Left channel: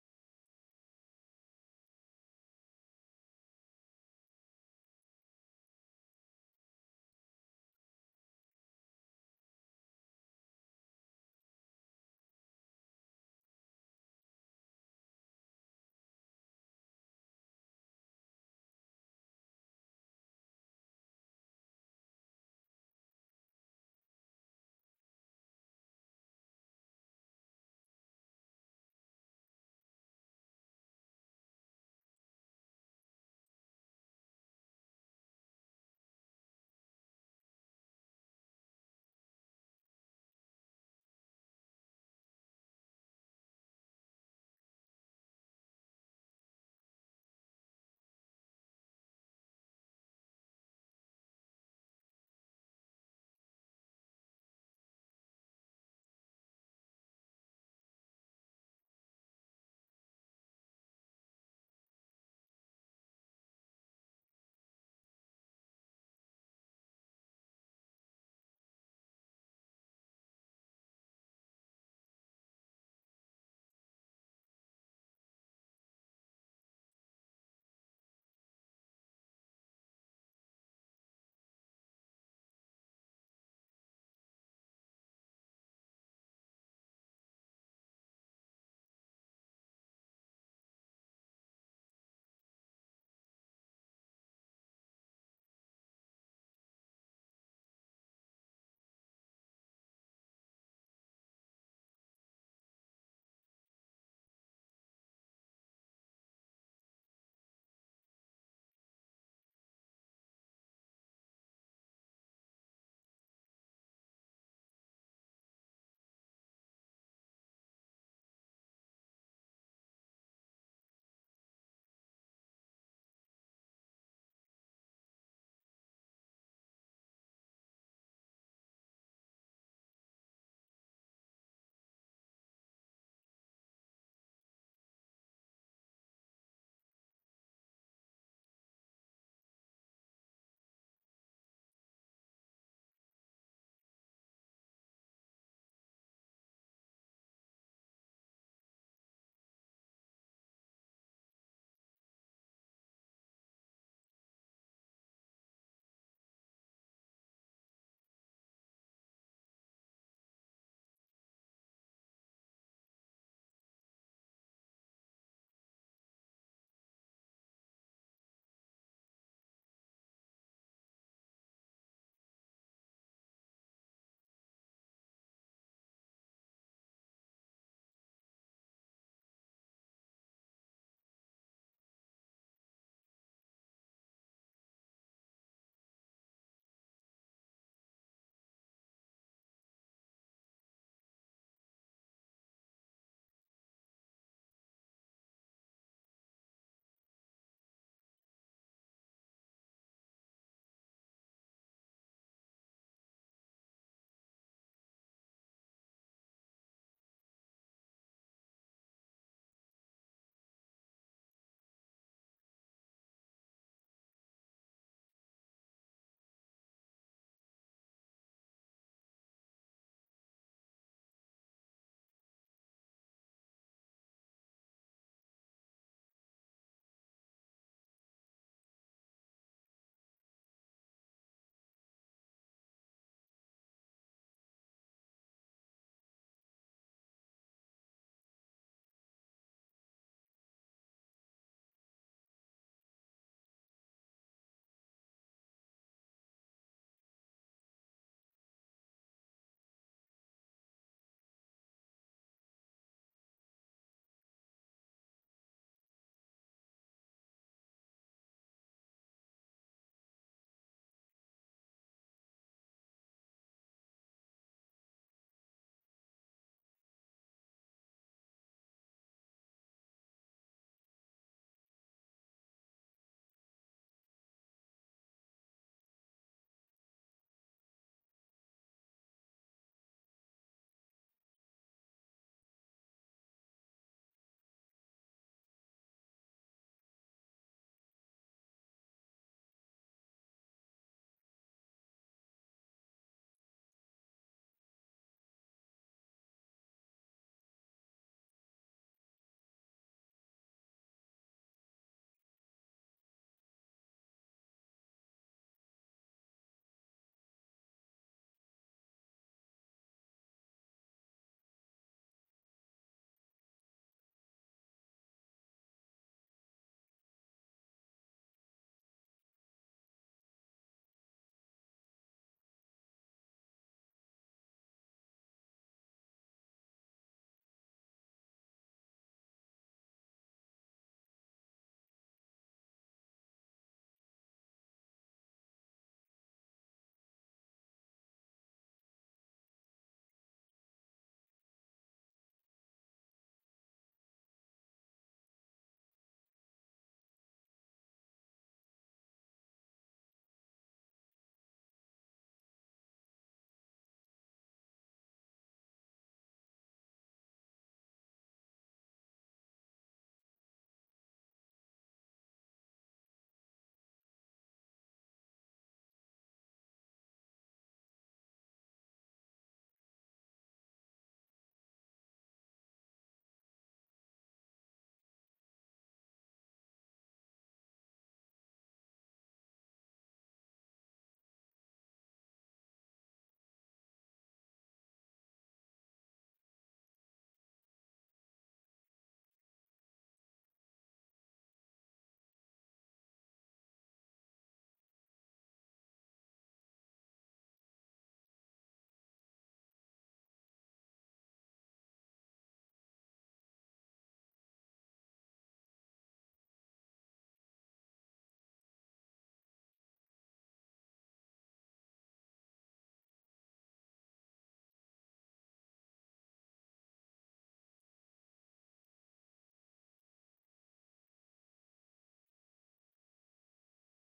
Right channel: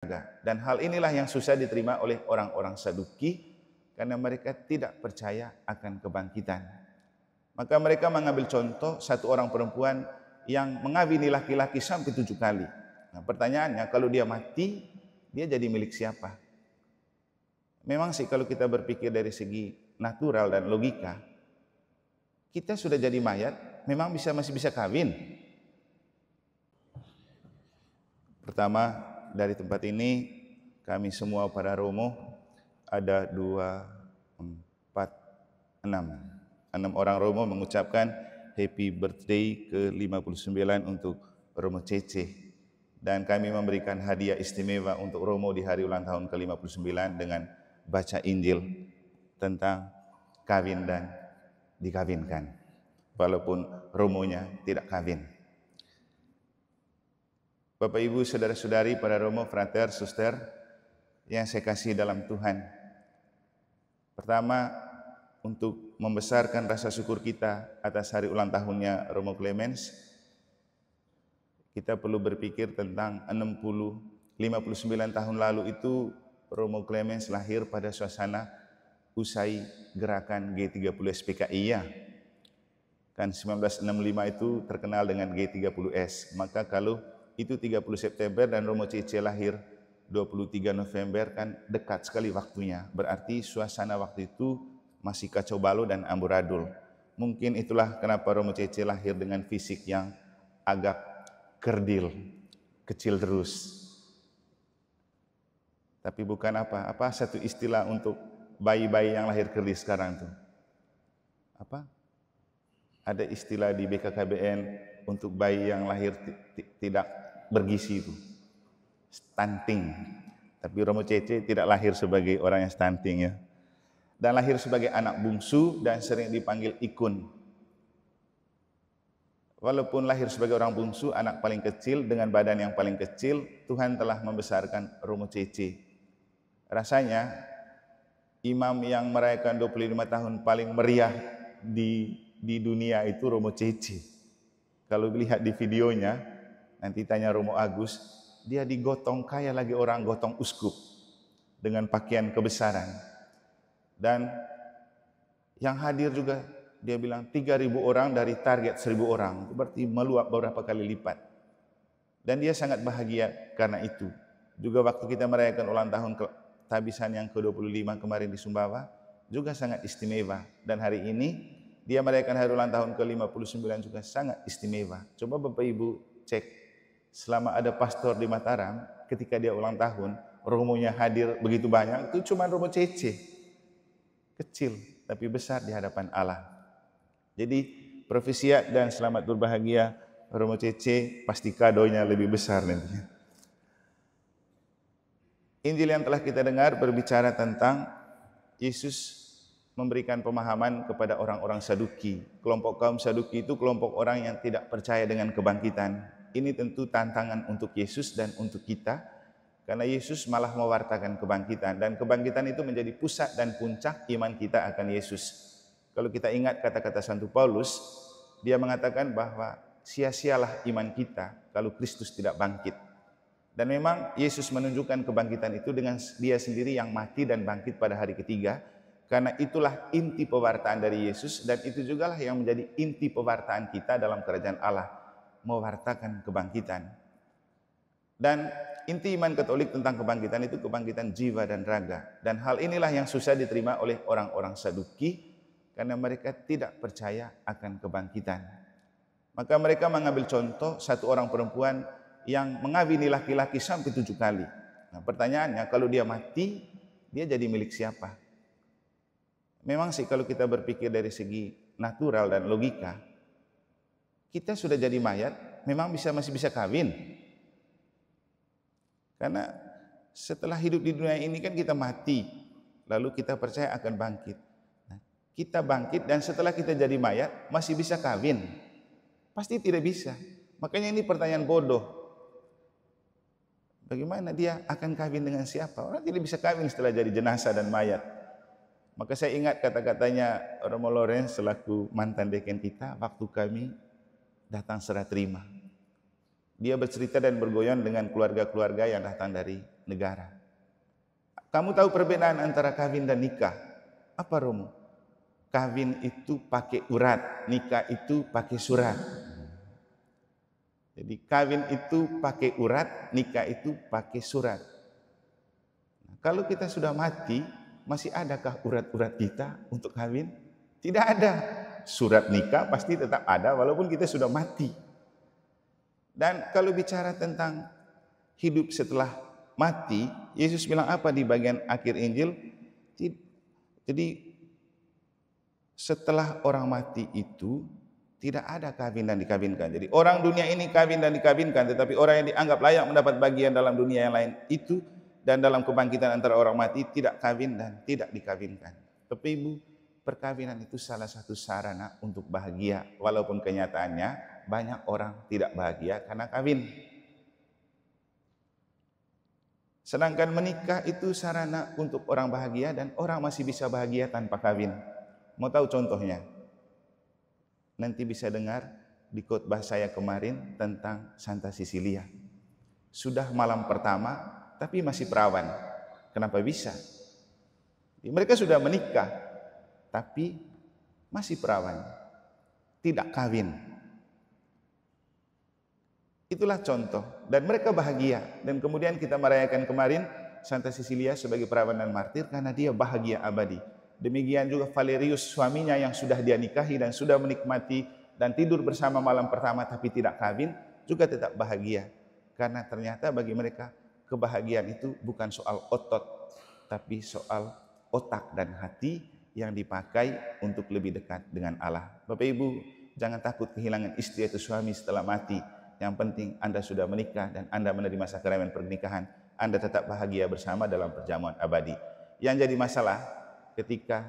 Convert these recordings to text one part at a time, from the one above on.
Dan hal inilah yang susah diterima oleh orang-orang Saduki karena mereka tidak percaya akan kebangkitan. Maka mereka mengambil contoh satu orang perempuan yang mengawini laki-laki sampai 7 kali. Nah, pertanyaannya, kalau dia mati, dia jadi milik siapa? Memang sih kalau kita berpikir dari segi natural dan logika, kita sudah jadi mayat, memang masih bisa kawin. Pertama, dari tempat ini kami semua para Romo ada 2, 4, 6 orang Romo mengucapkan happy birthday ke-59 untuk Romo Cece, dan kami memberikan hadiah istimewa untuk Romo di hari ulang tahun ke-59 dengan baca Injil tentang kawin dan dikawinkan walaupun Romonya tidak kawin. Bapak Ibu, saudara-saudari, para Romo, frater, suster yang saya kasih dalam Tuhan. Pertama, untuk membesarkan rasa syukur kita atas hari ulang tahunnya Romo Clemens, kita perlu berpikir tentang 59 tahun lalu itu Romo Clemens lahir pada suasana usai gerakan G30 SPKI ya. Kan 1965 itu terkenal dengan G30S. Maka kalau itu 30 September dan Romo Cece lahir 23 November, kan dekat sekali waktunya. Berarti suasana waktu itu masih kacau balau dan amburadul. Mungkin itulah kenapa Romo Cece lahir dengan fisik yang agak kerdil, kecil terus. Tapi bukan apa satu istilah untuk bayi-bayi yang lahir kerdil sekarang tuh. Apa? Ada istilah di BKKBN untuk bayi yang lahir tidak bergizi itu, stunting. Tapi Romo Cece tidak lahir sebagai orang yang stunting ya, dan lahir sebagai anak bungsu dan sering dipanggil Ikun. Walaupun lahir sebagai orang bungsu, anak paling kecil dengan badan yang paling kecil, Tuhan telah membesarkan Romo Cece. Rasanya imam yang merayakan 25 tahun paling meriah di dunia itu Romo Cece. Kalau lihat di videonya, nanti tanya Romo Agus, dia digotong kayak lagi orang gotong uskup dengan pakaian kebesaran. Dan yang hadir juga dia bilang 3.000 orang dari target 1.000 orang, itu berarti meluap beberapa kali lipat. Dan dia sangat bahagia karena itu. Juga waktu kita merayakan ulang tahun tabisan yang ke-25 kemarin di Sumbawa, juga sangat istimewa. Dan hari ini dia merayakan hari ulang tahun ke-59 juga sangat istimewa. Coba Bapak Ibu cek, selama ada pastor di Mataram, ketika dia ulang tahun, romonya hadir begitu banyak, itu cuma Romo Cece. Kecil, tapi besar di hadapan Allah. Jadi, profesia dan selamat berbahagia Romo Cece, pasti kadonya lebih besar nantinya. Injil yang telah kita dengar berbicara tentang Yesus memberikan pemahaman kepada orang-orang Saduki. Kelompok kaum Saduki itu kelompok orang yang tidak percaya dengan kebangkitan. Ini tentu tantangan untuk Yesus dan untuk kita, karena Yesus malah mewartakan kebangkitan, dan kebangkitan itu menjadi pusat dan puncak iman kita akan Yesus. Kalau kita ingat kata-kata Santo Paulus, dia mengatakan bahwa sia-sialah iman kita kalau Kristus tidak bangkit. Dan memang Yesus menunjukkan kebangkitan itu dengan dia sendiri yang mati dan bangkit pada hari ketiga, karena itulah inti pewartaan dari Yesus, dan itu jugalah yang menjadi inti pewartaan kita dalam kerajaan Allah, mewartakan kebangkitan. Dan inti iman Katolik tentang kebangkitan itu kebangkitan jiwa dan raga. Dan hal inilah yang susah diterima oleh orang-orang Saduki karena mereka tidak percaya akan kebangkitan. Maka mereka mengambil contoh satu orang perempuan yang mengawini laki-laki sampai 7 kali. Nah, pertanyaannya, kalau dia mati, dia jadi milik siapa? Memang sih kalau kita berpikir dari segi natural dan logika, kita sudah jadi mayat, memang masih bisa kawin. Karena setelah hidup di dunia ini kan kita mati, lalu kita percaya akan bangkit. Nah, kita bangkit dan setelah kita jadi mayat masih bisa kawin? Pasti tidak bisa. Makanya ini pertanyaan bodoh. Bagaimana dia akan kawin dengan siapa? Orang tidak bisa kawin setelah jadi jenazah dan mayat. Maka saya ingat kata-katanya Romo Lorenz selaku mantan deken kita waktu kami datang serah terima. Dia bercerita dan bergoyang dengan keluarga-keluarga yang datang dari negara. Kamu tahu perbedaan antara kawin dan nikah? Apa, Romo? Kawin itu pakai urat, nikah itu pakai surat. Jadi kawin itu pakai urat, nikah itu pakai surat. Kalau kita sudah mati, masih adakah urat-urat kita untuk kawin? Tidak ada. Surat nikah pasti tetap ada walaupun kita sudah mati. Dan kalau bicara tentang hidup setelah mati, Yesus bilang apa di bagian akhir Injil? Jadi setelah orang mati itu tidak ada kawin dan dikawinkan. Jadi orang dunia ini kawin dan dikawinkan, tetapi orang yang dianggap layak mendapat bagian dalam dunia yang lain itu dan dalam kebangkitan antara orang mati tidak kawin dan tidak dikawinkan. Bapak Ibu, perkawinan itu salah satu sarana untuk bahagia, walaupun kenyataannya banyak orang tidak bahagia karena kawin. Sedangkan menikah itu sarana untuk orang bahagia dan orang masih bisa bahagia tanpa kawin. Mau tahu contohnya? Nanti bisa dengar di khotbah saya kemarin tentang Santa Cecilia. Sudah malam pertama tapi masih perawan. Kenapa bisa? Mereka sudah menikah tapi masih perawan. Tidak kawin. Itulah contoh. Dan mereka bahagia. Dan kemudian kita merayakan kemarin Santa Cecilia sebagai perawan dan martir karena dia bahagia abadi. Demikian juga Valerius, suaminya yang sudah dia nikahi dan sudah menikmati dan tidur bersama malam pertama tapi tidak kawin, juga tetap bahagia. Karena ternyata bagi mereka kebahagiaan itu bukan soal otot, tapi soal otak dan hati yang dipakai untuk lebih dekat dengan Allah. Bapak Ibu, jangan takut kehilangan istri atau suami setelah mati. Yang penting Anda sudah menikah dan Anda menerima sakramen pernikahan, Anda tetap bahagia bersama dalam perjamuan abadi. Yang jadi masalah ketika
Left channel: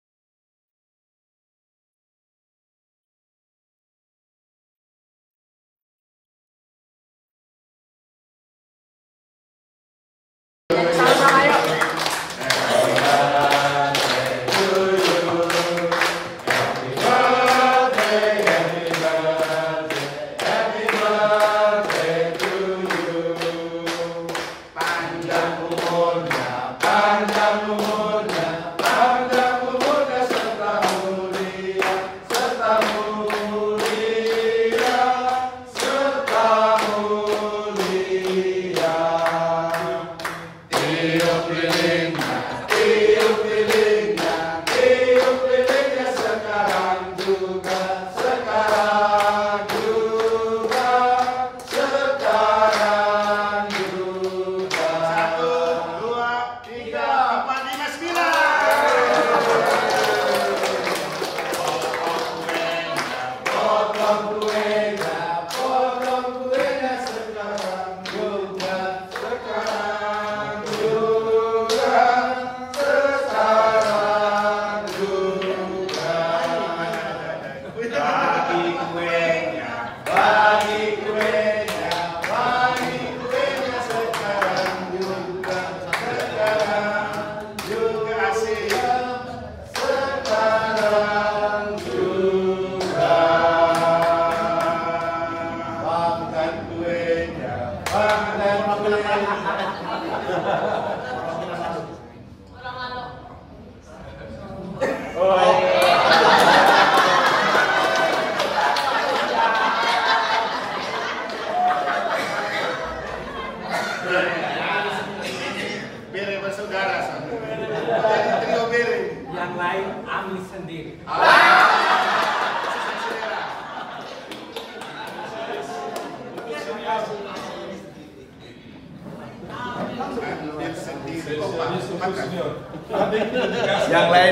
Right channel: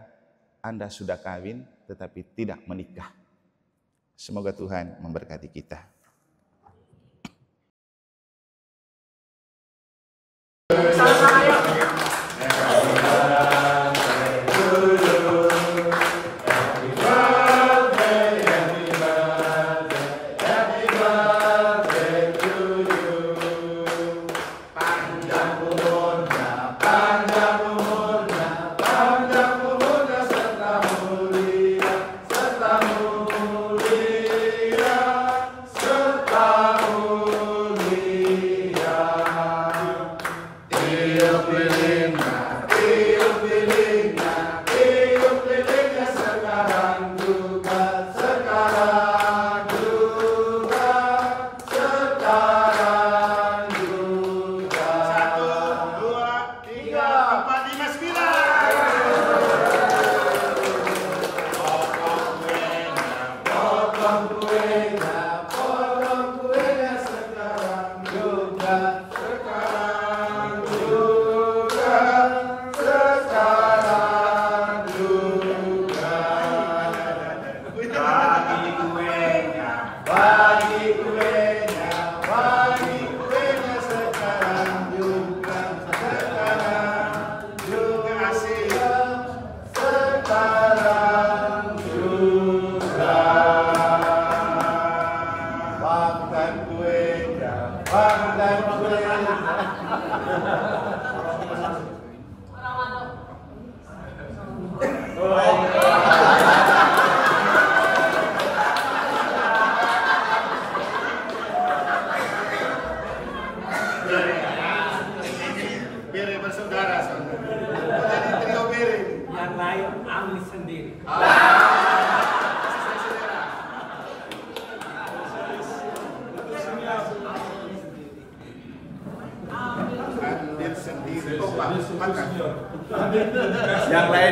Anda sudah kawin tetapi tidak menikah. Semoga Tuhan memberkati kita. Bere bersaudara, saudara. Jadi trio bere. Yang lain Ami sendiri. Ambil sendiri. Oh, Pak, makan. Yang lain